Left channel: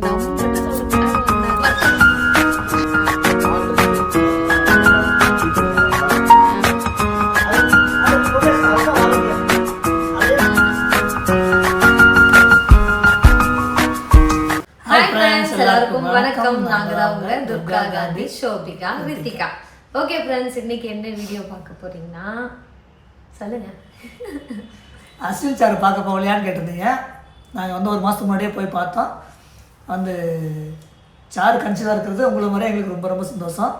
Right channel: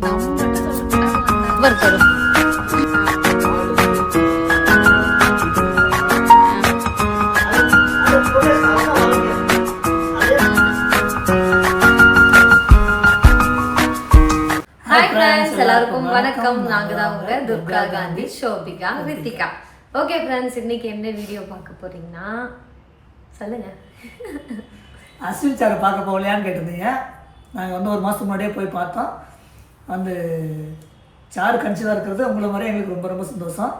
எல்லாருக்கும் வணக்கம். நாங்க தான் உங்க துர்கா காந்தி, ஷோபிகா, ரித்திகா. ஓகே ஃப்ரெண்ட்ஸ், இன்னைக்கு என்ன வீடியோ பார்க்க போறீங்கன்னா சொல்லுங்க. அஸ்வின் சார் பார்க்க போகலையான்னு கேட்டிருந்தீங்க. நாங்கள் வந்து ஒரு மாதத்துக்கு முன்னாடியே போய் பார்த்தோம். வந்து சாரு கன்சீவாக இருக்கிறது உங்களை மாதிரியே எங்களுக்கு ரொம்ப ரொம்ப சந்தோஷம்.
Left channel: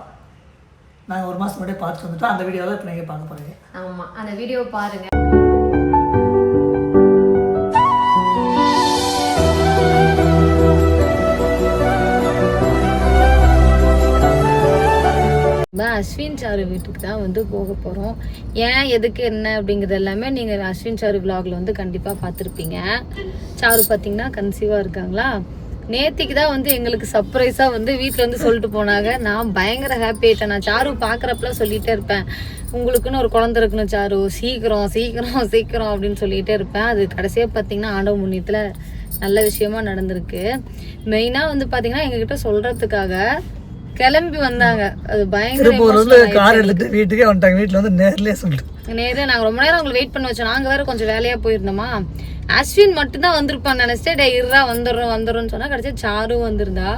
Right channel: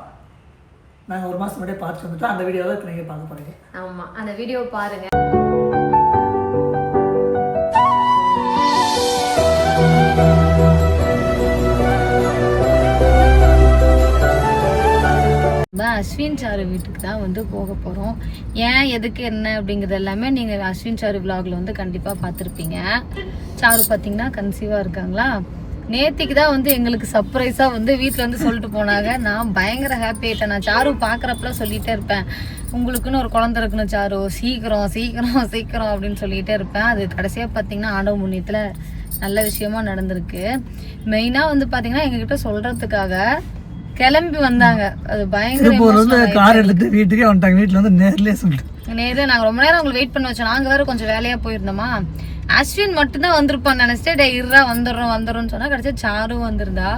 நாங்கள் ஒரு மாதத்துக்கு முன்னாடியே பார்த்துட்டு வந்துட்டோம். அந்த வீடியோவை இப்போ நீங்கள் பார்க்க போகிறீங்க. ஆமாம், அந்த வீடியோ பாருங்க. அஸ்வின் சாரு வீட்டுக்கு தான் வந்து போக போகிறோம். ஏன் எதுக்கு என்ன அப்படிங்கிறது எல்லாமே நீங்கள் அஸ்வின் சாரு விலாகில் வந்து கண்டிப்பாக பார்த்துருப்பீங்க. சாரு பார்த்தீங்கன்னா கன்சீவாக இருக்காங்களா. நேத்திக்கு தான் வந்து எங்களுக்கு சர்ப்ரைஸாக வந்து வீட்டில் வந்து சொல்லிட்டு போனாங்க. நான் பயங்கர ஹாப்பி ஆகிட்டேன். நான் சாரு பார்க்குறப்பெல்லாம் சொல்லிகிட்டே இருப்பேன், உங்களுக்குன்னு ஒரு குழந்தை இருக்கணும் சாரு, சீக்கிரம் சீக்கிரம் சீக்கிரம் அப்படின்னு சொல்லிகிட்டே இருப்பேன். அது கடைசியாக பார்த்தீங்கன்னா ஆண்டவ முன்னியத்தில் நல்ல விஷயமா நடந்திருக்கு. மெயினாக வந்து பார்த்தீங்கன்னா எங்ககிட்ட சொல்கிறதுக்காக கிளம்பி வந்தாங்க. அது பயங்கர கார் எடுத்துட்டு வீட்டுக்கே வந்துட்டாங்க. வீட்டுல வந்து நேர்ல நாங்க ரொம்ப நேரம் உங்களுக்கு வெயிட் பண்ணி வச்சோம். நாங்க வேற கொஞ்சம் வேலையா போயிருந்தோமா. அஸ்வின் மட்டும் தான் வந்திருப்பான்னு நினைச்சிட்டு டே இருடா வந்துடுறோம்னு சொன்னா கடைசியா சாரு வந்திருந்தா.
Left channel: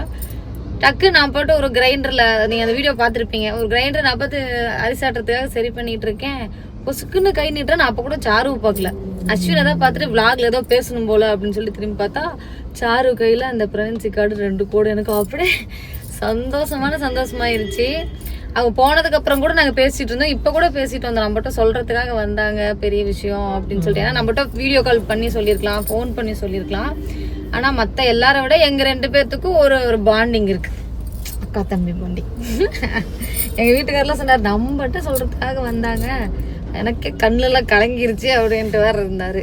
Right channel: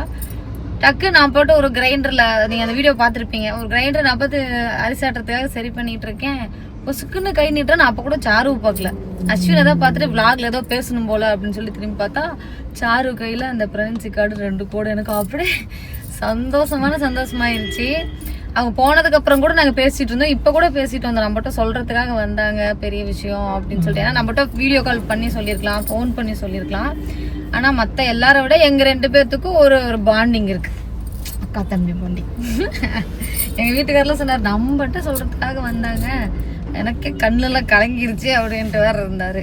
டக்கு நான் போட்டு ஒரு கிரைண்டர்ல, நீங்க அந்த வீடியோ பாத்திருப்பீங்க, ஒரு கிரைண்டர் நான் பார்த்து அரிசாட்டுறதுக்காக சரி பண்ணிட்டு இருக்கேன். பொசுக்குன்னு கை நீட்டுறேன். நான் அப்ப கூட சாரு பார்க்கல, அஸ்வினை தான் பார்த்துட்டு விளாக்ல ஏதோ பேசணும் போல அப்படின்னு சொல்லி திரும்பி பார்த்தா சாரு கையில அந்த பிரெக்னன்சி கார்டு 2 கோடு. எனக்கு அப்படியே சந்தோஷமாயிருச்சு. அவங்க போனதுக்கு அப்புறம் கூட நாங்க பேசிட்டு இருந்தோம். இப்ப கூட பேசிட்டு வந்தோம். நம்மகிட்ட சொல்றதுக்காக வந்தாங்க, பெரிய விஷயம் அப்படின்னு சொல்லிட்டு. ஏன்னா நம்மகிட்ட வீடியோ கால் பண்ணி சொல்லியிருக்கலாம், போன் பண்ணி சொல்லியிருக்கலாம். ஆனா மத்த எல்லாரை விட எங்க 2 பேர்த்துக்கும் ஒரு பாண்டிங் இருக்கு, அக்கா தம்பி பாண்டிங். எங்க வீட்டுக்காரெல்லாம் சொன்னார், நம்மகிட்ட சொல்றதுக்காக வந்தாங்க, எனக்கே கண்ணுல கலங்கிருச்சு அப்படின்ட்டு வேற இருந்தாரு.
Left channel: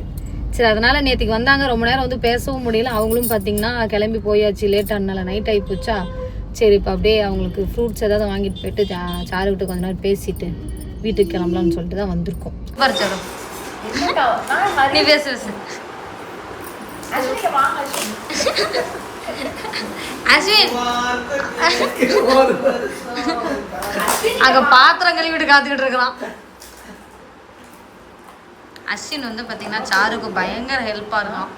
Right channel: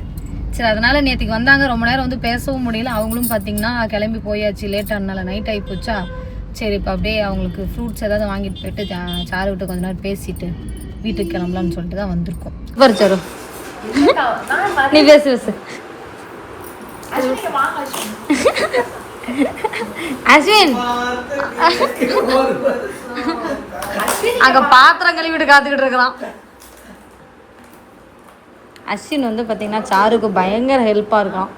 சரி, அதனால நேற்றுக்கு வந்தாங்க. ரொம்ப நேரம் வந்து பேசவும் முடியல. அவங்களும் பாத்தீங்கன்னா கிளம்பி போயாச்சு, லேட் ஆனால நைட் ஆகி போச்சா. சரி, இப்போ அப்படியே அவங்களுக்கு ஃப்ரூட்ஸ் ஏதாவது வாங்கிட்டு போயிட்டு சாரு விட்டு கொஞ்ச நேரம் பேசிட்டு வீட்டுக்கு கிளம்பலான்னு சொல்லிட்டு தான் வந்திருக்கோம். நீ பேசு. அஸ்வின் அங்க பாத்திரம் கழுவிட்டு காத்துக்கிட்டு இருக்கிறான். அஸ்வின் வந்து பாத்தீங்கன்னா சாருக்கு பயங்கர ஹெல்ப்பா இருக்கான்.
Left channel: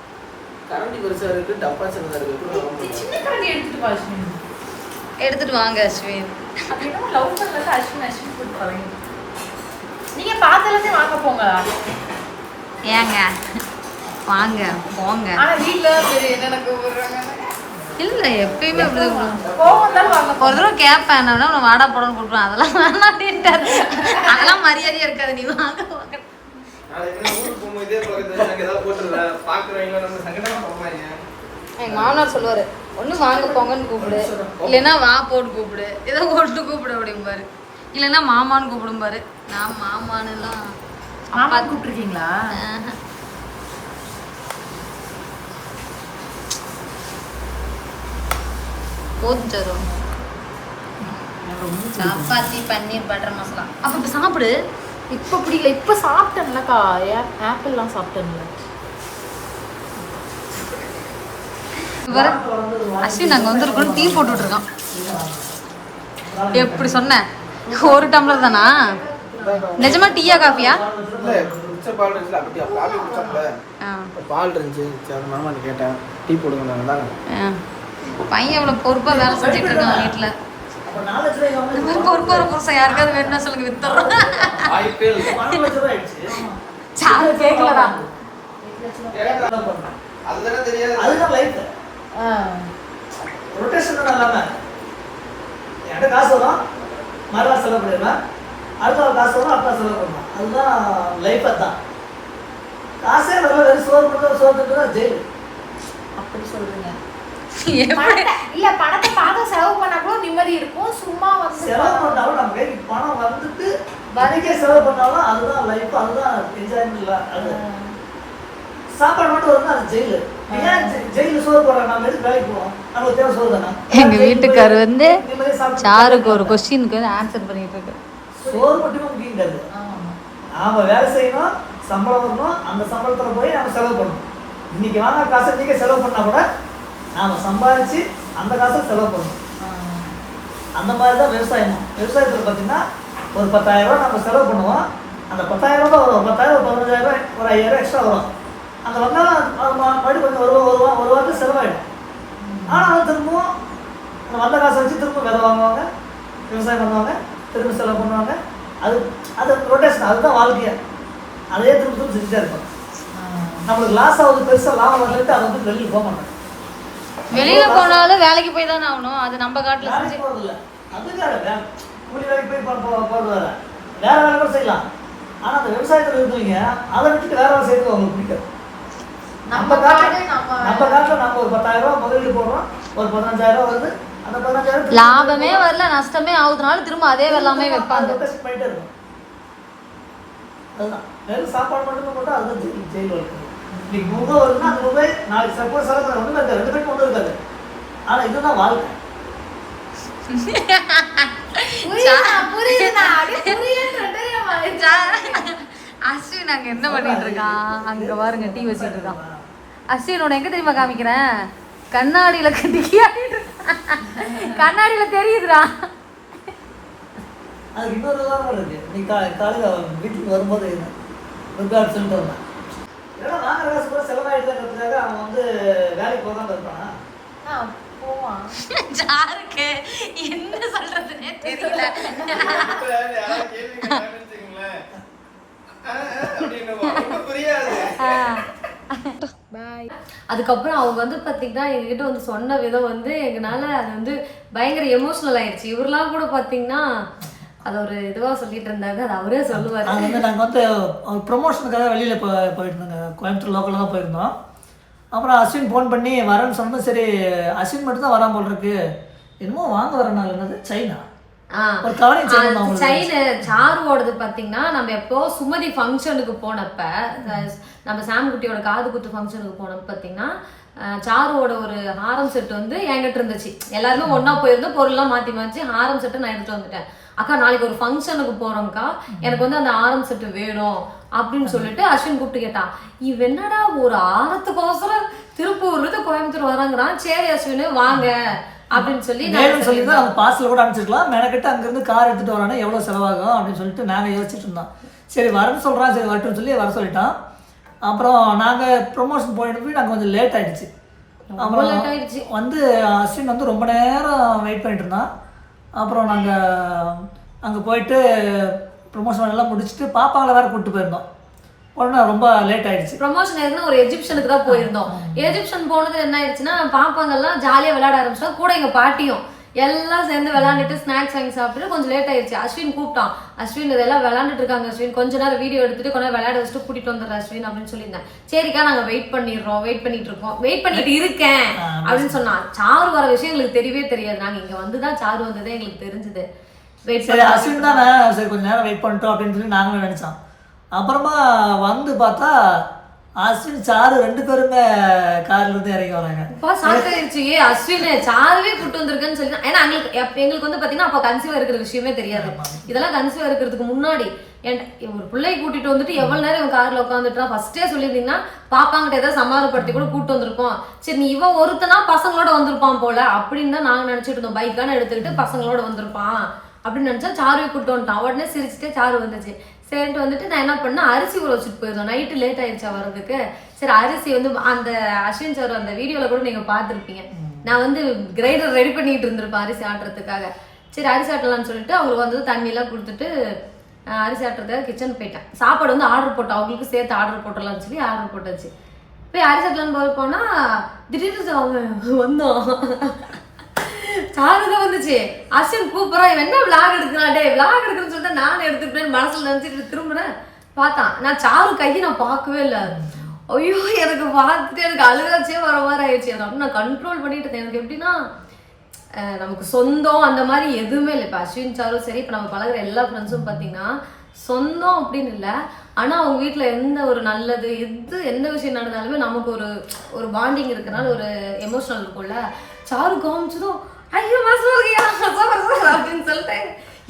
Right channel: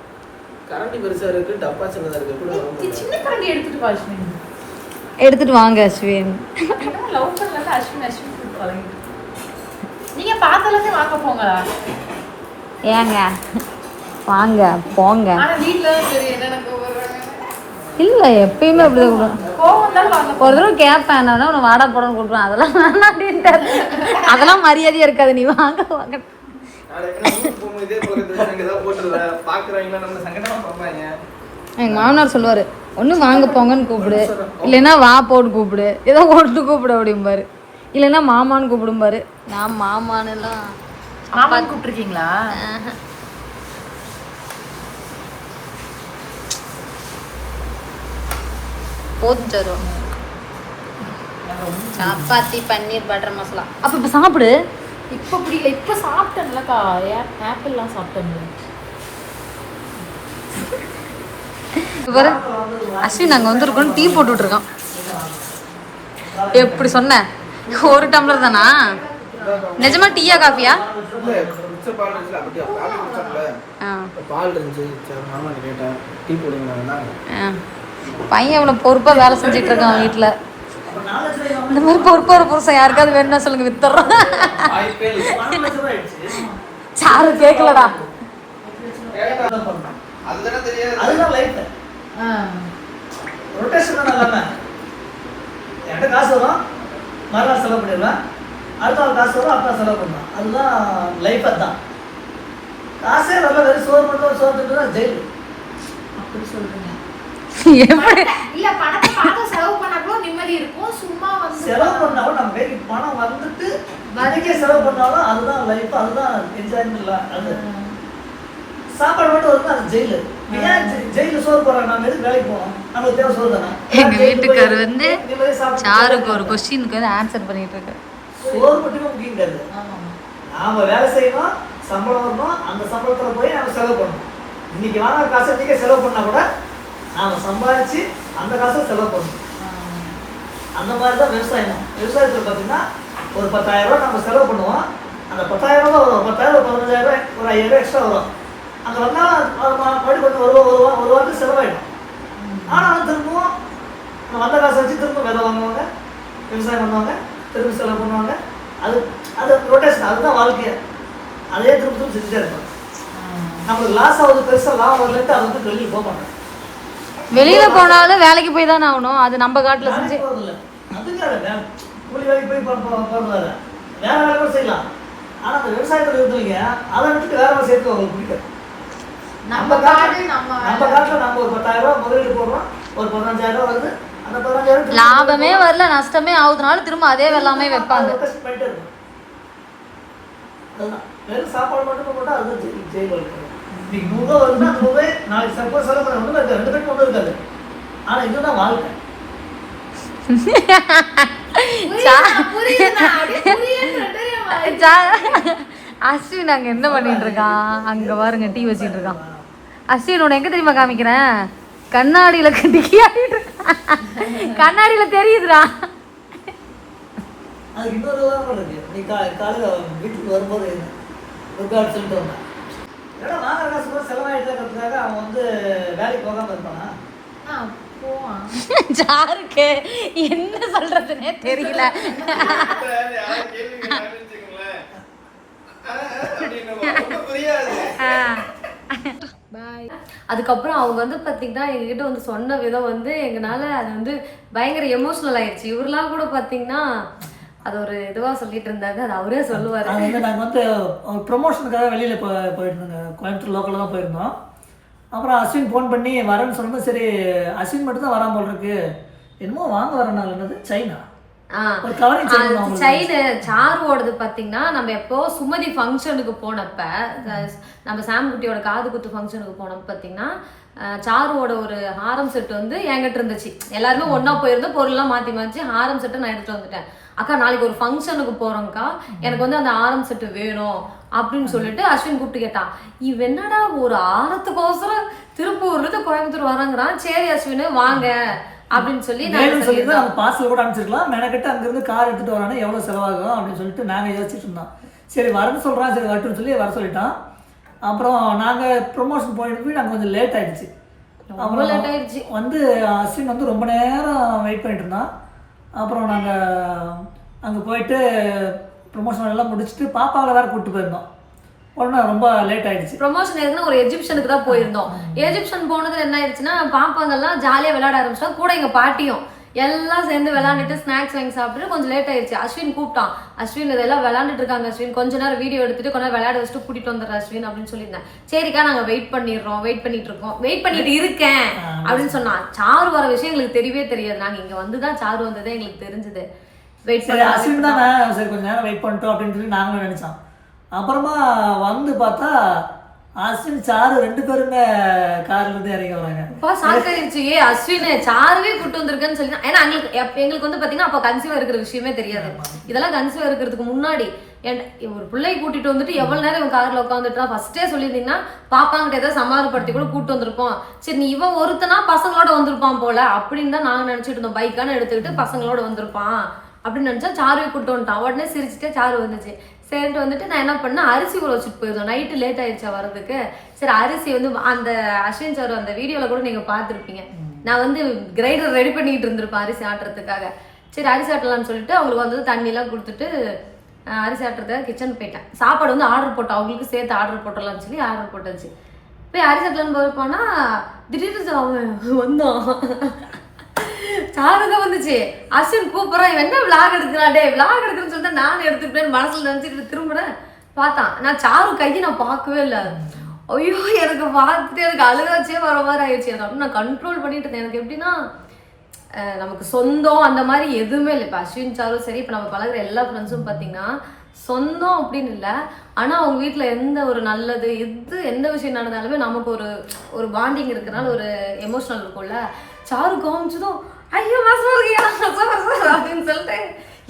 எடுத்துட்டு வாங்க அஸ்வின். நீங்க பார்த்ததுல வாங்க போங்களா? ஏங்க வாங்க போங்க. இல்ல எப்பயுமே அப்படிதான். ஒரு தடவை கேட்பேன், என்ன உன வாடா போடன்னு கொடுப்பேன். அதெல்லாம் வேணாட்டின்ட்டாரு. அதெல்லாம் மரியாதையா இருக்காது. நீ வாங்க வாங்க. எங்க மாமனார் சொல்லுவாரு, ஒண்ணு வாங்க போங்கன்னு கூப்பிடு, இல்லைன்னா வா போட்டு கூப்பிடு, ஏதோ ஒன்று கூப்பிடு அப்படிம்பாரு, இல்லைன்னா மாமான்னு கூப்பிடும்பாரு. நான் மாமான்னு எல்லாம் அப்பா கூப்பிட்டுருக்கீங்களா? போதும் தரும். சப்பாத்தி பன்னீர் பட்டர் மசாலா. அப்ப இப்ப சாப்பிடு. இப்ப பிடிக்கல, இப்ப சாப்பிட்டேன்லக்கா. ஆப்பிள்லாம் சாப்பிட்டேன்ல. அஸ்வின் நாங்க வந்திருக்கோம், டீ போட்டுட்டு இருக்கான். எப்படி சொன்ன? ஒரு டம்ளர் தானா? நிஜமா டீயா காஃபியா? பையன் எவ்வளவு பொறுப்பா வேலை செஞ்சுட்டு இருக்கான் வீட்டுல. இந்த மாதிரி பொறுப்பா ஒரு புருஷன் யாருக்காவது வேணும்னா சொல்லுங்க, வித்துறோம். சாரு கேட்கலடா. காசு வரும், மறுநாள் செலவு பண்ணிடலாம், அடுத்த காசு வரும், அடுத்த செலவு பண்ணணும். அதுதான் லைஃப். அதுதான் காசே வரல, வெறும் சோறு ஜெயில். அப்படி சொல்றீங்க? இல்ல, பணத்தை பார்த்து செலவு பண்ணா கூட நிம்மதி இருக்கும். சும்மா வந்து செலவு பண்ணாலும் நம்ம கைக்கு பணம் வந்துட்டு வரைக்கும் செலவு பண்ணாலும் அதுதான் லைஃப், அதுதான் என்ஜாய்மெண்ட். இல்லை, அது சாப்பாடு மட்டும் வரும்னா அது ஜெயிலு. ஜெயில சோறு போடுறாங்க, நம்ம எதுக்கு வேலைக்கு போகணும்? நமக்கு தேவை சோறு தானே. எங்க வீட்டுக்காரர் வந்து சாருக்கு ஒரு கொஸ்டினுக்கு வந்து ஆன்சர் பண்ணிட்டு இருக்கு. சோறு மட்டுமே முக்கியம் கிடையாது. நாம வேலை செய்யணும், சம்பளம் வரணும், அந்த சம்பளத்துல போய் நம்ம செலவு பண்ணணும். இன்னைக்கு வாங்க காசு இன்னைக்கே செலவு பண்ணா கூட நாம் சம்பாதிச்சு அந்த காசை செலவு பண்ணணும். அந்த மாதிரி தான் விவசாயம். விவசாயத்தில் பார்த்தீங்கன்னா ஒரு 10,000 ரூபா நம்ம செலவு பண்ணுவோம். அந்த 10,000 ரூபா வரும். 10,000 15,000 ஒரு 5,000 எக்ஸ்ட்ரா வரும். அங்கே வந்தாலும் மறுபடியும் கொஞ்சம் ஒரு வாரத்துக்கு செலவாயிடும். ஆனால் திரும்பவும் அந்த வந்த காசை வச்சு திரும்ப விதை வாங்குவாங்க, விவசாயம் பண்ணுவாங்க, திரும்ப செலவு பண்ணுவாங்க. அது ரொட்டேஷன், அதுதான் வாழ்க்கையை. அதையே திரும்ப திரும்ப செஞ்சுட்டே இருப்பாங்க. நம்மளுக்கு லாஸ் ஆகுது, பெருசாக லாபம் வரலன்ட்டு அதை வந்து வெளியே போக மாட்டோம். வெளியில போனாலும் வேலைக்கு போய் தானே ஆகணும். அது நம்ம காட்டுல வேலைக்கு போகிறதில்ல, அதுக்காக கூலி வேலைக்கு போய் போகிறது வேலை, வேற வேலை கூட செய்யலாம். ஆனால் அந்த விவசாயத்தில் இருந்தவங்க அதை விட்டுட்டு வேற வேலை செய்யறதுக்கு அவங்களுக்கு பிடிக்காது. நம்ம காட்டில் நம்ம ஒரு 10,000 ரூபா முதலீடு போடுறோம், ஒரு 15,000 ரூபா வருது. அந்த 15,000 லாபமே வரல, நஷ்டமே ஆகுதுனாலும் திரும்ப அதே வெள்ளாமே வைப்பாங்க. பண்ணிட்டே இருக்கும். அதுதான் வெறும் சாப்பாடு மட்டும் போட்டால் அதுதான் ஜெயில் வாழ்க்கை. இன்னைக்கு 100 ரூபா வருதுன்னா அந்த 100 ரூபாய் நாளைக்கு செலவு பண்ண ஒன்றும் இருக்காது, 2 பேருக்கு ஒன்றும் இருக்காது. ஆனால் இதுதான் வாழ்க்கை. அஸ்வின் அங்க என்ன பண்ணிட்டு இருக்கான்? அங்க பாருங்க டீ வச்சிட்டு இருக்கான். அஸ்வின் உன்னை எங்க தெரியுமா காமிக்கிறேன்? கண்ணாடியில கட்டிக்கியா? கண்ணாடியில தெரியுதுடா. அதுக்கு இன்னொரு உதாரணம் இருக்கு. நீ காலையில் வீட்டுக்கு வரும்போது ருக்காட் சொல்லிட்டு வந்தான். நாங்கள் காசு செலவாயிட்டுங்கிறதுக்காக அவன் வந்து வேலைக்கு போகாமல் இருப்பானா? போவான். சாருக்கு என்ன சொல்றதுன்னே தெரியல. அதுக்கப்புறம் அவங்க வந்து பார்த்தீங்கன்னா எங்ககிட்ட வந்து சொன்ன விதம் வந்து எங்களால் அது வந்து பயங்கர எமோஷ்னல் ஆயிடுச்சு. இவரெல்லாம் கூட பார்த்தீங்கன்னா அது ஒரு இதுவாக சொல்லிட்டு இருந்தாங்க. அது அவரே சொல்லுவார். அது வந்து நாங்கள் வந்து ப்ரொமோஷனுக்காக வெளியில் போயிட்டு இருந்தோங்க. கோயம்புத்தூர் லோக்கலில் தான் போயிருந்தோம். அப்புறம் அஸ்வின் ஃபோன் பண்ணி வரேன்னு சொன்னது. சரி அஸ்வின் மட்டும் தான் வராமல் போல் இருக்கு, என்னமோ வாங்க வரனால என்னது சைனா சைனு சாருவோடது பார்த்தீங்கன்னா நம்ம எப்போ சுமதி ஃபங்க்ஷனுக்கு போனப்ப நம்ம சாம்குட்டியோட காது குத்து ஃபங்க்ஷனுக்கு போனப்ப பார்த்தீங்கன்னா சாருவோட ஒரு ஹாரம் செட் வந்து என்கிட்ட இருந்துச்சு. எல்லாருமே ஒன்னா போயிருந்தோம், பொருள்லாம் மாற்றி மாற்றி ஹாரம் செட்டை நான் எடுத்துட்டு வந்துட்டேன். அக்கா நாளைக்கு ஒரு ஃபங்க்ஷனுக்கு போறோம்க்கா, எனக்கு வந்து அந்த ஆரம் செட்டு வேணும் அப்படின்னு சொல்லிட்டு அஸ்வின் கூப்பிட்டு கேட்டா. இவ என்னடா ஒரு ஆரத்துக்கோசரம் திருப்பூர்ல கோயம்புத்தூர் வராங்கிறான். சரி அஸ்வின் வாங்க அப்படின்னு சொல்லி நம்ம பார்சல் கூட அனுப்பிச்சிருக்கலாம். மெனக்கிட்ட அங்கேருந்து கார் எடுத்துகிட்டு வரானே எவ்வளோ செலவாகும் அப்படின்னு சொல்லிட்டு நாங்கள் யோசிச்சுட்டு இருந்தோம். சரி வரேன்னு சொல்கிறான், சரி வரட்டுன்னு சொல்லி வர சொல்லிட்டான். அப்புறம் நாங்கள் ப்ரொமோஷன் போயிட்டு போய் நாங்கள் கொஞ்சம் லேட் ஆகிடுச்சு. அப்புறம் வந்து அஸ்வின் வந்து ரொம்ப நேரம் வெயிட் பண்ணிட்டு இருந்தான். அப்புறம் நாங்கள் அங்கே போயிட்டு ப்ரொமோஷன் எல்லாம் முடிச்சுட்டு பாப்பாங்களை வேறு கூப்பிட்டு போயிருந்தோம். உடனே ரொம்ப லேட் ஆயிடுச்சு. ப்ரொமோஷன் எதுனா ஒரு எஜிப்ஷனுக்கு தான் போயிருந்தோம். எஜிப்ஷன் போனது என்ன ஆயிடுச்சுன்னா பாப்பாங்கெல்லாம் ஜாலியாக விளையாட ஆரம்பிச்சோம். கூட எங்கள் பாட்டியும் எல்லாம் சேர்ந்து விளையாண்டுட்டு ஸ்நாக்ஸ் வாங்கி சாப்பிட்டுட்டு கொஞ்சம் லேட் ஆயிடுச்சு. அஸ்வின் கூப்பிட்டான். அஸ்வின் இதெல்லாம் விளையாண்டுட்டு இருக்காங்க அஸ்வின், கொஞ்ச நேரம் வீடியோ எடுத்துட்டு கொஞ்சம் விளையாட வச்சுட்டு கூட்டிட்டு வந்துடுற அஸ்வின் அப்படின்னு சொல்லியிருந்தேன். சரிக்கா நாங்கள் வெயிட் பண்ணிட்டு இருக்கேன் அப்படின்னு சொன்னான். சாரு வர விஷயம் எங்களுக்கு தெரியவே தெரியாது. நாங்கள் இங்கே வந்து தான் சாரு வந்ததே எங்களுக்கு தெரிஞ்சது. வெயிட் பண்ணி அஸ்வின் தானே, சரி கொஞ்சம் நேரம் வெயிட் பண்ணிட்டோம் அப்படின்னு சொல்லி நாங்களும் நினைச்சோம். அப்புறமா வந்து பார்த்தா அஸ்வின் சாரு 2 பேருமே கார்ல இருந்து இறங்கி வராங்க. அஸ்வின் சாருவே கூட்டு வந்திருக்குன்னு சொல்லி. ஏன்னா எங்களுக்கு வந்து பாத்தீங்கன்னா அப்ப கன்சீவா இருக்கிற விஷயமே தெரியாது. இதெல்லாம் கன்சீவா இருக்கிறதுக்கு முன்னாடி ஒரு பிள்ளை கூட்டிட்டு வந்துட்டு எவ்வளவு நேரம் இவன் கார்ல உட்காந்துட்டா ஃபர்ஸ்டே சொல்லியிருந்தீங்கன்னா பாப்பாங்கிட்ட ஏதாவது சமாதானப்படுத்தி கூட கூட்டு வந்திருப்போம். சரி நீ இவன் ஒருத்தனா பசங்களோட வந்திருப்பான் போல அப்படின்னு தான் நாங்க நினைச்சிட்டு இருந்தோம். பைக்கான எடுத்துக்கிட்டு பசங்களோட வந்திருப்பான் அப்படின்னு நினைச்சா சாருவை கூட்டு வந்துட்டான். உடனே சிரிச்சுட்டே சாரு வந்துச்சு. சரின்ட்டு வந்துட்டு நான் என்ன பண்ணேன், அரிசி ஊற வச்சுட்டு போயிருந்தோம். நைட்டு லேட் ஆயிடுச்சா வர்றதுக்கு. சரி அரிசி வந்து அந்த அஸ்வின் சார் அந்த வீடியோவில் கூட நீங்கள் பார்த்துருப்பீங்க. நான் வந்து கிரைண்டர் ரெடி பண்ணிட்டு இருந்திருப்பேன் அரிசி ஆட்டுறதுக்காக. சரி அரிசி ஆட்டலான்னு சொல்லிட்டு அவங்களுக்கு வந்து தண்ணியெல்லாம் கொடுத்துட்டு அரிசி ஆட்டுறதுக்காக கிச்சன் போயிட்டேன். சாப்பாடு வந்து ஆர்டர் போட்டோம், அவங்களுக்கு சேர்த்து ஆர்டர் போட்டலாம்னு சொல்லி ஆர்டர் போட்டாச்சு. போய் அரிசி ஆட்டலான்னு போய் போனால் திடீர்னு வந்தோம். சாருக்கு வந்துச்சு. அஸ்வின் கூப்பிட்றான், இவன் என்ன விளாக் எடுக்கிறான், டே விளாக் எடுக்கிறேன்னு சொல்லிட்டு நானும் எடுத்துக்கிட்டேன்னு மனசுல நினைச்சிட்டு திரும்பினேன். பார்த்தான் நான் சாரு கையை நான் பார்க்கவே இல்லை. ஐயோ எனக்கு பார்த்துட்டு எனக்கு அழுகாச்சே வர மாதிரி ஆயிடுச்சு. எனக்கு நான் கண்ட்ரோல் பண்ணிட்டு இருந்தேன். எனக்கு எப்படின்னா நமக்கு சொந்தம் அந்த மாதிரி எதுவுமே இல்லை. இப்போ அஸ்வின் சாரும் சரி, இப்போ நம்ம பழகிற எல்லா ஃப்ரெண்ட்ஸும் பார்த்தீங்கன்னா சொந்தம் அப்படின்னு இல்லை. ஆனால் அவங்க வீட்டில் எந்த ஒரு நல்லது எந்த விஷயம் நடந்தாலுமே நமக்கு ஒரு பாண்டிங் இருக்கிறனால ஒரு எமோஷனல் இருக்கும்ல. சாரு காமிச்சதும் ஐயோ மாசம் இருக்கியா அப்படின்னு சொல்லிட்டு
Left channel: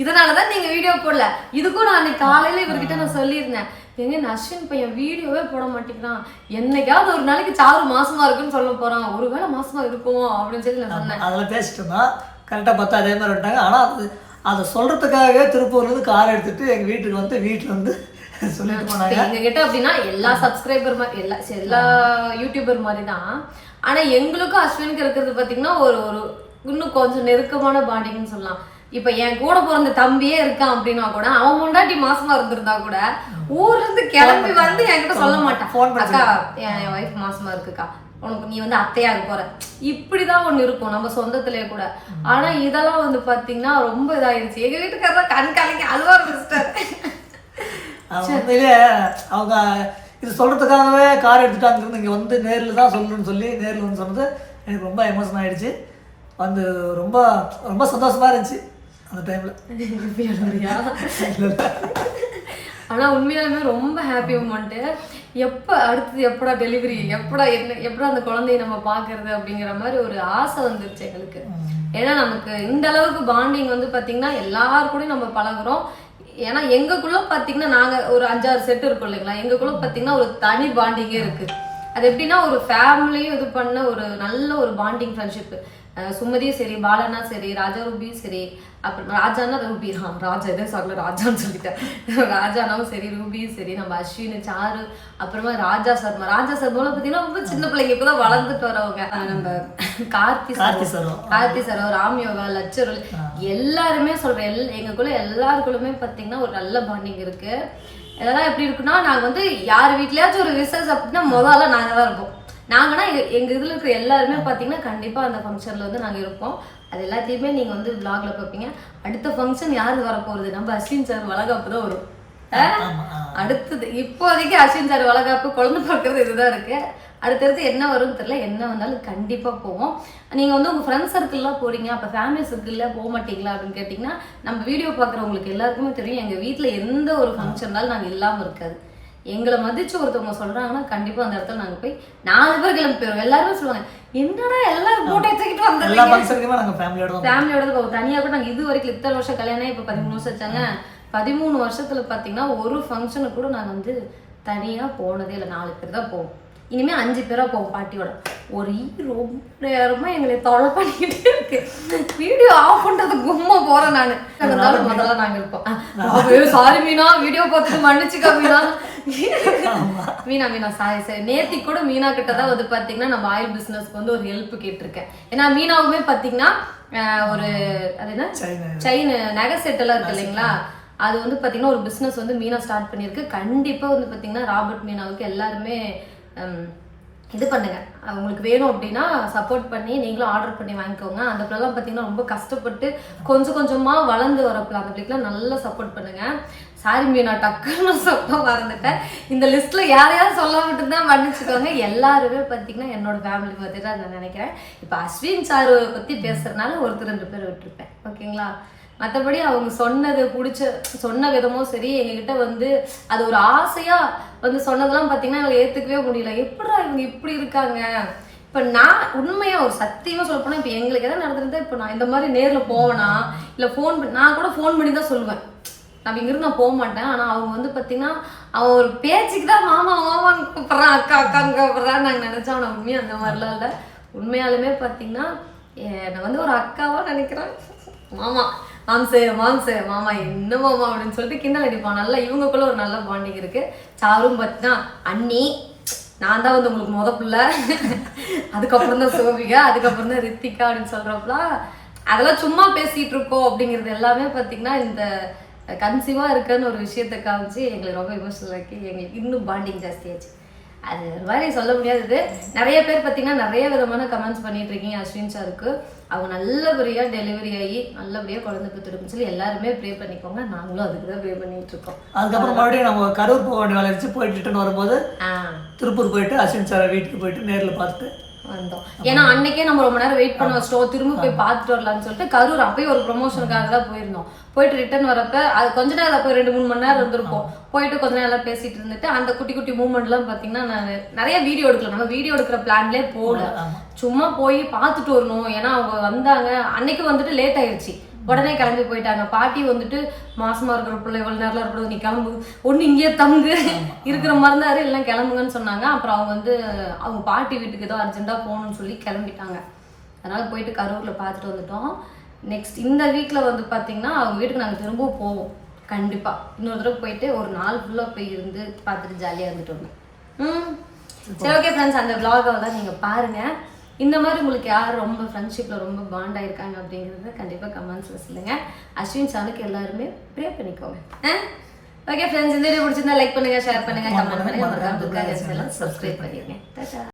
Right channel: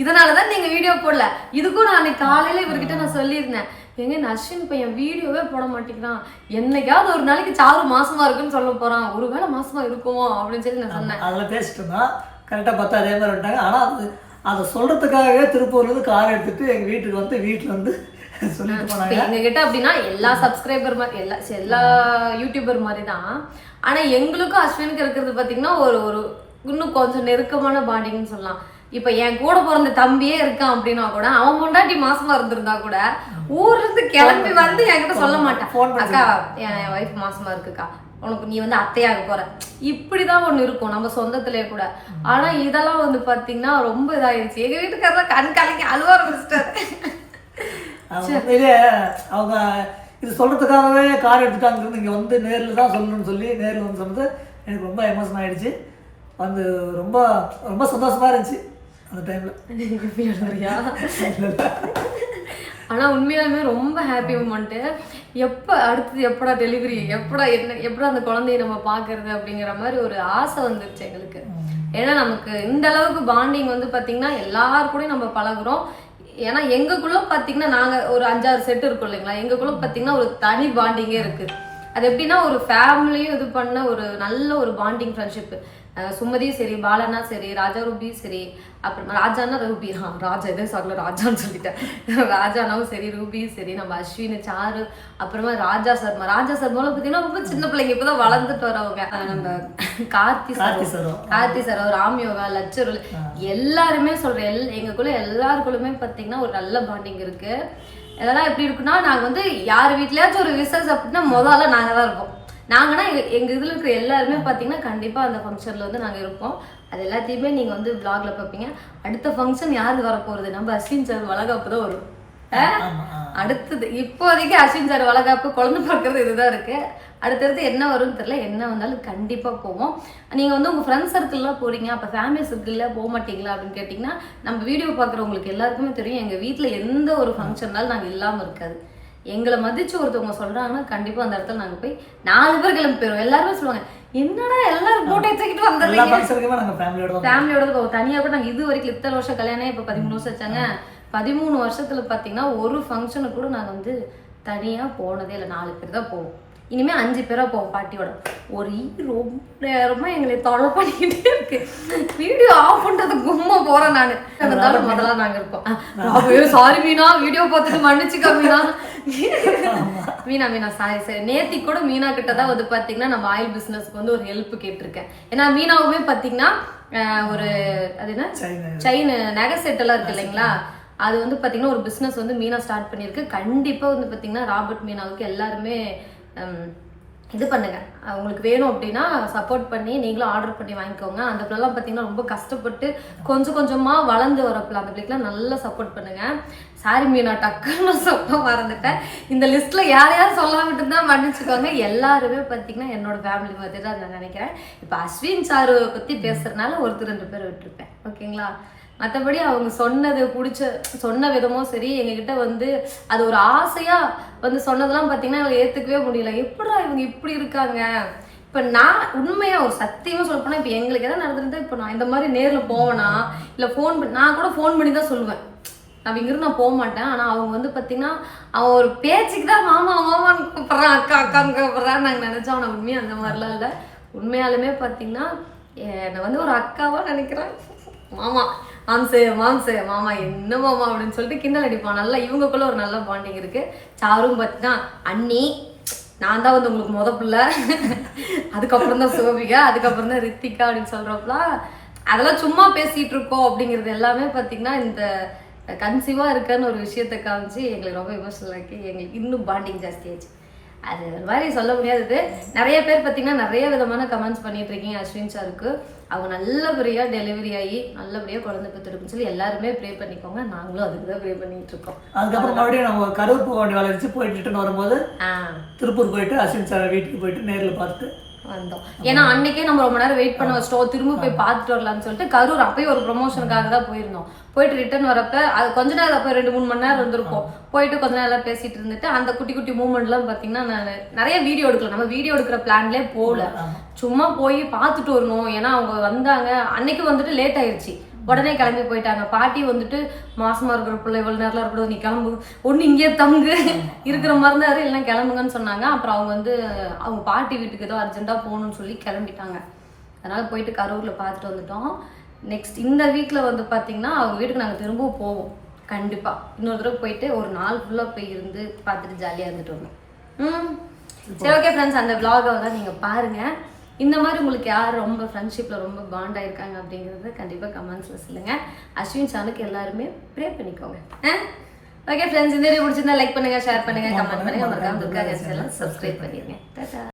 இதனாலதான் நீங்க வீடியோ போடல. இதுக்கும் நான் அன்னைக்கு காலையில இவர்கிட்ட நான் சொல்லியிருந்தேன், எங்க இந்த அஸ்வின் பையன் வீடியோவே போட மாட்டேங்கிறான், என்னைக்காவது ஒரு நாளைக்கு சாரு மாசமா இருக்குன்னு சொல்ல போறான், ஒருவேளை மாசமா இருக்குமோ அப்படின்னு சொல்லி நான் சொன்னேன். அதெல்லாம் பேசிட்டு இருந்தோம். கரெக்டாக பார்த்தா அதே மாதிரி வந்துட்டாங்க. ஆனால் அதை சொல்கிறதுக்காகவே திருப்பூர்லேருந்து கார் எடுத்துகிட்டு எங்கள் வீட்டுக்கு வந்து வீட்டில் வந்து சொல்லிட்டு போனாங்க. எங்க கிட்ட அப்படின்னா எல்லா சப்ஸ்கிரைபர் மாதிரி எல்லா யூடியூபர் மாதிரி தான். ஆனா எங்களுக்கும் அஸ்வினுக்கு இருக்கிறது பாத்தீங்கன்னா ஒரு இன்னும் கொஞ்சம் நெருக்கமான பாண்டிங்னு சொல்லலாம். இப்ப என் கூட பிறந்த தம்பியே இருக்கான் அப்படின்னா கூட அவன் முண்டாட்டி மாசமா இருந்திருந்தா கூட ஊர்ல இருந்து கிளம்பி வந்து என்கிட்ட சொல்ல மாட்டான், அக்கா என் ஒய்ஃப் மாசமா இருக்குக்கா, உனக்கு நீ வந்து அத்தையாக போற, இப்படிதான் ஒண்ணு இருக்கும் நம்ம சொந்தத்திலே கூட. ஆனா இதெல்லாம் வந்து பாத்தீங்கன்னா ரொம்ப இதாயிருச்சு. எங்க வீட்டுக்காரதான் கண் கலங்கி அழுவ ஆரம்பிச்சிட்டாரு. உண்மையிலே அவங்க இது சொல்கிறதுக்காகவே கார் எடுத்துட்டாங்கிறது இங்கே வந்து நேரில் தான் சொல்லணும்னு சொல்லி நேரில் வந்து சொன்னது எனக்கு ரொம்ப எமோஷன் ஆகிடுச்சு. வந்து ரொம்ப ரொம்ப சந்தோஷமாக இருந்துச்சு அந்த டைமில். ஆனால் உண்மையாலுமே ரொம்ப ஹாப்பி மூமெண்ட்டு. எப்போ அடுத்தது எப்படா டெலிவரி, எப்படா அந்த குழந்தைய நம்ம பார்க்கறது அப்படிங்கிற மாதிரி ஒரு ஆசை வந்துருச்சு எங்களுக்கு. ஏன்னா நமக்கு இந்த அளவுக்கு பாண்டிங் வந்து பார்த்தீங்கன்னா எல்லாரு கூடயும் நம்ம பழகுறோம். ஏன்னா எங்களுக்குள்ள பார்த்தீங்கன்னா நாங்கள் ஒரு 5-6 செட்டு இருக்கோம் இல்லைங்களா, எங்களுக்குள்ள பார்த்தீங்கன்னா ஒரு தனி பாண்டிங்கே இருக்கு. அது எப்படின்னா ஒரு ஃபேமிலியும் இது பண்ண ஒரு நல்ல ஒரு பாண்டிங் ஃப்ரெண்ட்ஷிப்பு. சுமதியும் சரி, பாலனா சரி, ராஜா ரூபியும் சரி, அப்புறம் ராஜானா ரூபி, ராஜா இதே சார்ல ராஜான்னு சொல்லிட்டேன், ராஜானாவும் சரி, ரூபியும் சரி, நம்ம அஸ்வின், சாரு, அப்புறமா ராஜா சர்மா போல பார்த்தீங்கன்னா ரொம்ப சின்ன பிள்ளைங்க இப்போதான் வளர்ந்துட்டு வரவங்க. நம்ம கார்த்தி சரோ, ராம்யோகா, லட்சருள் எல்லாருமே சொல்றேன். எங்களுக்குள்ள எல்லாருக்குள்ளுமே பார்த்தீங்கன்னா ஒரு நல்ல பாண்டிங் இருக்கு. இதெல்லாம் எப்படி இருக்குன்னா, நாங்கள் வந்து யார் வீட்லயாச்சும் ஒரு விசேஷம் அப்படின்னா முதல்ல நாங்கள் தான் இருப்போம். நாங்கன்னா எங்கள் இதில் இருக்கிற எல்லாருமே பார்த்தீங்கன்னா கண்டிப்பாக அந்த ஃபங்க்ஷனில் வந்து நாங்கள் இருப்போம். அது எல்லாத்தையுமே நீங்கள் வந்து விளாகில் பார்ப்பீங்க. அடுத்த ஃபங்க்ஷன் யார் வரப்போகிறது, நம்ம அஸ்வின் சார் வளகாப்பு தான் வரும். அடுத்தது இப்போதைக்கு அஸ்வின் சார் வளகாப்பு, குழந்தை பிறக்கிறது இதுதான் இருக்கு. அடுத்தடுத்து என்ன வரும்னு தெரியல. என்ன வந்தாலும் கண்டிப்பாக போவோம். நீங்கள் வந்து உங்கள் ஃப்ரெண்ட்ஸ் சர்க்கிள்லாம் போகிறீங்க, அப்போ ஃபேமிலி சர்க்கிளில் போக மாட்டீங்களா அப்படின்னு கேட்டிங்கன்னா, நம்ம வீடியோ பார்க்குறவங்களுக்கு எல்லாருக்குமே தெரியும் எங்கள் வீட்டில் எந்த ஒரு ஃபங்க்ஷன்னாலும் நாங்கள் இல்லாமல் இருக்காது. எங்களை மதிச்சு ஒருத்தவங்க சொல்றாங்கன்னா கண்டிப்பா அந்த இடத்துல நாங்க போய் 4 பேர் கிளம்பி போயிருவோம். எல்லாருமே சொல்லுவாங்க, என்னடா எல்லாரும் போட்டோ தூக்கிட்டு வந்தோம், ஃபேமிலியோட போவோம். தனியா கூட நாங்க இது வரைக்கும் இத்தனை வருஷம் கல்யாணம், இப்ப 13 வருஷம் வச்சாங்க. 13 வருஷத்துல பாத்தீங்கன்னா ஒரு ஃபங்க்ஷனுக்கு கூட நாங்க வந்து தனியா போனதே இல்லை. 4 பேர் தான் போவோம். இனிமே 5 பேரா போவோம் பாட்டியோட. ஒரு ரொம்ப நேரமா எங்களை தொலை பண்ணிக்கிட்டே இருக்கு. வீடியோ ஆஃப் பண்றது கும்மா போறேன் நானு. இருந்தாலும் முதல்ல நாங்க இருப்போம். சாரி மீனா, வீடியோ பார்த்துட்டு மன்னிச்சுக்கா மீனா சாரி. நேத்தி கூட மீனா கிட்டதான் வந்து பாத்தீங்கன்னா நம்ம ஆயில் பிசினஸ்க்கு வந்து ஒரு ஹெல்ப் கேட்டிருக்கேன். ஏன்னா மீனாவுமே பாத்தீங்கன்னா ஒரு அது என்ன செயின் நகை செட் எல்லாம் இருக்கு இல்லைங்களா, அது வந்து பாத்தீங்கன்னா ஒரு பிசினஸ் வந்து மீனா ஸ்டார்ட் பண்ணிருக்கு. கண்டிப்பா வந்து பாத்தீங்கன்னா ராபர்ட் மீனாவுக்கு எல்லாருமே இது பண்ணுங்க, உங்களுக்கு வேணும் அப்படின்னா சப்போர்ட் பண்ணி நீங்களும் ஆர்டர் பண்ணி வாங்கிக்கோங்க. அந்த பிள்ளைலாம் பார்த்தீங்கன்னா ரொம்ப கஷ்டப்பட்டு கொஞ்சம் கொஞ்சமாக வளர்ந்து வர பிள்ளை. அந்த பிள்ளைக்கெலாம் நல்லா சப்போர்ட் பண்ணுங்க. சாரி மீனா, டக்குன்னு சொல்ல மறந்துட்டேன். இந்த லிஸ்ட்ல யாரையாவது சொல்லாமட்டு தான் மன்னிச்சுக்கோங்க. எல்லாருமே பார்த்தீங்கன்னா என்னோட ஃபேமிலி மாதிரி தான் நான் நினைக்கிறேன். இப்போ அஸ்வின் சாரு பற்றி பேசுறதுனால 1-2 பேர் விட்டுருப்பேன், ஓகேங்களா. மற்றபடி அவங்க சொன்ன விதமும் சரி, எங்ககிட்ட வந்து அது ஒரு ஆசையா வந்து சொன்னதெல்லாம் பார்த்தீங்கன்னா எங்களை ஏற்றுக்கவே முடியல. எப்படா இவங்க இப்படி இருக்காங்க. இப்போ நான் உண்மையா ஒரு சத்தியமாக சொல்ல போனால், இப்போ எங்களுக்கு எதாவது நடந்துருந்தா இப்போ நான் இந்த மாதிரி நேரில் போவேனா இல்லை ஃபோன் பண்ணி, நான் கூட ஃபோன் பண்ணி தான் சொல்லுவேன். நான் இங்கிருந்து நான் போக மாட்டேன். ஆனால் அவங்க வந்து பார்த்தீங்கன்னா அவன் ஒரு பேச்சுக்கு தான் மாமான்னு கூப்பிட்றான், அக்கான்னு கூப்பிட்றான்னு நாங்கள் நினச்சோம். ஆனால் உண்மையாக அந்த மாதிரிலாம் இல்லை. உண்மையாலுமே பார்த்தீங்கன்னா என்னை வந்து ஒரு அக்காவாக நினைக்கிறேன். மாம்சே மாமா என்ன மாமா அப்படின்னு சொல்லிட்டு கிண்டல் அடிப்பான். நல்லா இவங்களுக்குள்ள ஒரு நல்ல பாண்டிங் இருக்கு. சாரும் பார்த்தீங்கன்னா அண்ணி, நான் தான் வந்து உங்களுக்கு முத பிள்ளை, அதுக்கப்புறம் தான் சிவபிகா, அதுக்கப்புறம் தான் ரித்திகா அப்படின்னு சொல்றப்பலாம் அதெல்லாம் சும்மா பேசிட்டு இருக்கோம். அப்படிங்கிறது எல்லாமே பார்த்தீங்கன்னா இந்த கன்சீவா இருக்குன்னு ஒரு விஷயத்தை காமிச்சு எங்களுக்கு ரொம்ப எமோஷனல் ஆக்கி எங்களுக்கு இன்னும் பாண்டிங் ஜாஸ்தியாச்சு. அது ஒரு மாதிரி சொல்ல முடியாதது. நிறைய பேர் பார்த்தீங்கன்னா நிறைய விதமான கமெண்ட்ஸ் பண்ணிட்டு இருக்கீங்க அஸ்வின் சாருக்கு. அவங்க நல்லபடியாக டெலிவரி ஆகி நல்லபடியாக குழந்தை பெற்றுருக்குன்னு சொல்லி எல்லாருமே ப்ரே பண்ணிக்கோங்க. நாங்களும் அதுக்கு தான் ப்ரே பண்ணிட்டு இருக்கோம். அதுக்கப்புறம் மறுபடியும் நம்ம கரூர் போக வேண்டிய வேலை வச்சு போயிட்டு ரிட்டர்ன் வரும்போது திருப்பூர் போயிட்டு அஸ்வின் சார் வீட்டுக்கு போயிட்டு நேரில் பார்த்துட்டு வந்தோம். ஏன்னா அன்னைக்கே நம்ம ரொம்ப நேரம் வெயிட் பண்ண வச்சிட்டோம், திரும்ப போய் பார்த்துட்டு வரலாம்னு சொல்லிட்டு கரூர் அப்பயும் ஒரு ப்ரொமோஷனுக்காக தான் போயிருந்தோம். போயிட்டு ரிட்டர்ன் வரப்ப அது கொஞ்ச நேரம் போய் 2-3 மணி நேரம் இருந்திருப்போம். போயிட்டு கொஞ்ச நேரம் எல்லாம் பேசிட்டு இருந்துட்டு அந்த குட்டி குட்டி மூமெண்ட்லாம் பார்த்தீங்கன்னா நான் நிறைய வீடியோ எடுக்கல. நம்ம வீடியோ எடுக்கிற பிளான்லேயே போகல, சும்மா போய் பார்த்துட்டு வரணும். ஏன்னா அவங்க வந்தாங்க அன்னைக்கு வந்துட்டு லேட் ஆயிடுச்சு. உடனே கிளம்பி போயிட்டாங்க. பாட்டி வந்துட்டு மாசமா இருக்கிற பிள்ளை இவ்வளவு நேரம் இருக்கக்கூடாது, நீ கிளம்பு, ஒண்ணு இங்கே தங்கு இருக்கிற மாதிரி இருந்தாரு, எல்லாம் கிளம்புங்கன்னு சொன்னாங்க. அப்புறம் அவங்க வந்து அவங்க பாட்டி வீட்டுக்கு ஏதோ அர்ஜென்ட்டா போகணும்னு சொல்லி கிளம்பிட்டாங்க. அதனால போயிட்டு கரூர்ல பார்த்துட்டு வந்துட்டோம். நெக்ஸ்ட் இந்த வீக்ல வந்து பாத்தீங்கன்னா அவங்க வீட்டுக்கு நாங்க திரும்பவும் போவோம் கண்டிப்பா. இன்னொரு தடவை போயிட்டு ஒரு நாள் ஃபுல்லா போய் இருந்து பார்த்துட்டு ஜாலியா இருந்துட்டு வரணும். சரி ஓகே ஃப்ரெண்ட்ஸ், அந்த vlog-ஐ தான் நீங்க பாருங்க. இந்த மாதிரி உங்களுக்கு யார் ரொம்ப ஃப்ரெண்ட்ஷிப்ல ரொம்ப பாண்ட் ஆயிருக்காங்க அப்படிங்கறத கண்டிப்பா கமெண்ட்ஸ்ல சொல்லுங்க. அஸ்வின் சேனலுக்கு எல்லாருமே ப்ரே பண்ணிக்கோங்க. ஓகே ஃப்ரெண்ட்ஸ், இந்த வீடியோ பிடிச்சிருந்தா லைக் பண்ணுங்க, ஷேர் பண்ணுங்க, கமெண்ட் பண்ணுங்க, மறக்காம துர்கா கேர்ள்ஸ் சேனலை சப்ஸ்கிரைப் பண்ணிருங்க. டாடா.